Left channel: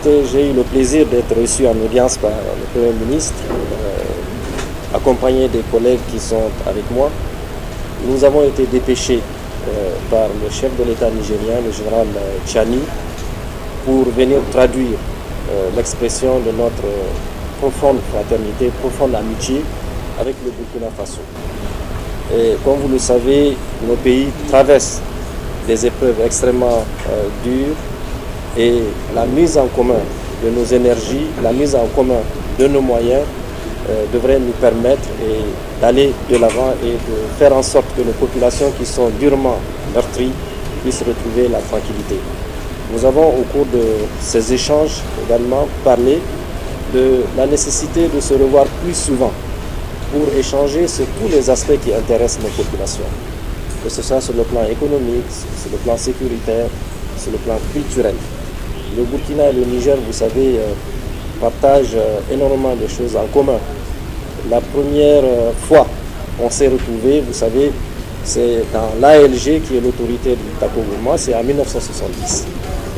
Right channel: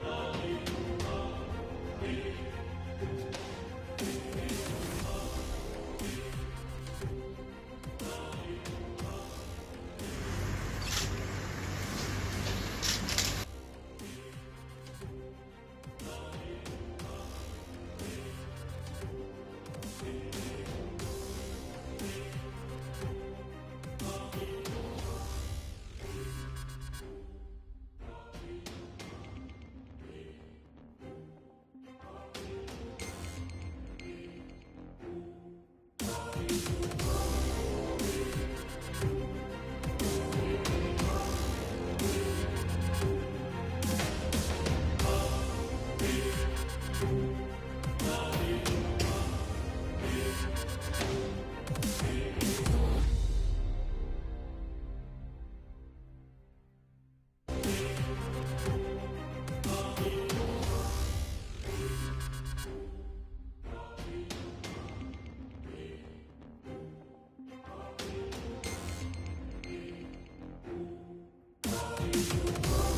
écoutez, j'ai eu le plaisir d'être reçu en audience par le Premier ministre, accompagné des collègues qui sont avec moi. Nous avons été dépêchés par le chef de l'État nigérien, le général Tchani, pour venir traduire l'expression de notre profonde fraternité, profonde amitié avec le Burkina Faso. Et comme vous le savez, nos pays traversent des épreuves extrêmement dures et la mise en commun de nos énergies, la mise en commun de nos moyens devrait nous permettre d'aller de l'avant et de faire en sorte que nos populations qui sont durement meurtries puissent retrouver la tranquillité. Nous avons au cours de ces échanges également parlé de la nécessité de se revoir plus souvent pour échanger sur tous les aspects qui intéressent nos populations, que ce soit sur le plan économique, sur le plan sécuritaire, sur le plan culturel. Le Burkina et le Niger, vous savez, partagent énormément de choses en commun. La première fois on s'est retrouvés, vous savez, c'est dans l'ALG qui est l'autorité du Tako-Gourma, c'est en 1970.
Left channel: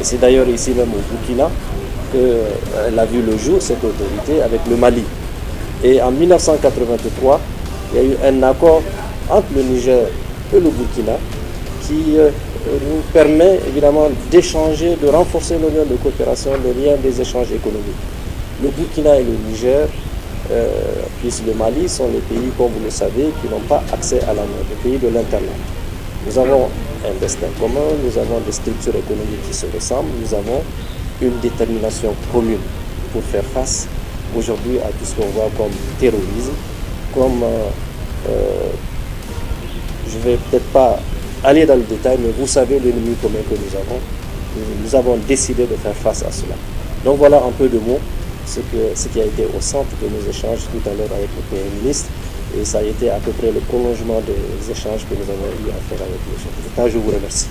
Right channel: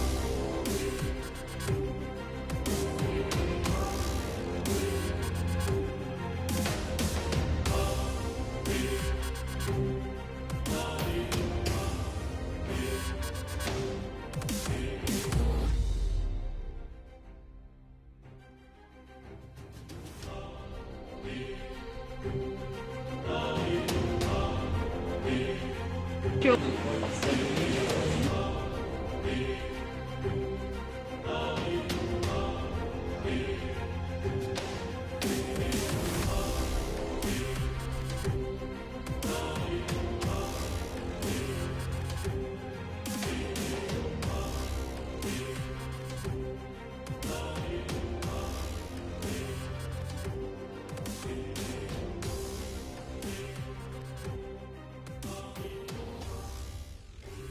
Et c'est d'ailleurs ici même au Burkina qu'elle a vu le jour, cette autorité, avec le Mali. Et en 1983, il y a eu un accord entre le Niger et le Burkina qui nous permet évidemment d'échanger, de renforcer nos liens de coopération, le lien des échanges économiques. Le Burkina et le Niger, plus le Mali, sont les pays, comme vous le savez, qui n'ont pas accès à la mer, les pays de l'Internet. Nous avons un destin commun, nous avons des structures économiques qui se ressemblent, nous avons une détermination commune pour faire face aujourd'hui à tout ce qu'on voit comme terrorisme, comme, je ne vais peut-être pas aller dans le détail, mais vous savez l'ennemi commun que nous avons décidé de faire face à cela. Donc voilà un peu de mots, ce qui a été au centre de nos échanges tout à l'heure avec le Premier ministre, et ça a été à peu près le prolongement des échanges que nous avons eu à faire avec le chef de l'État. Je vous remercie.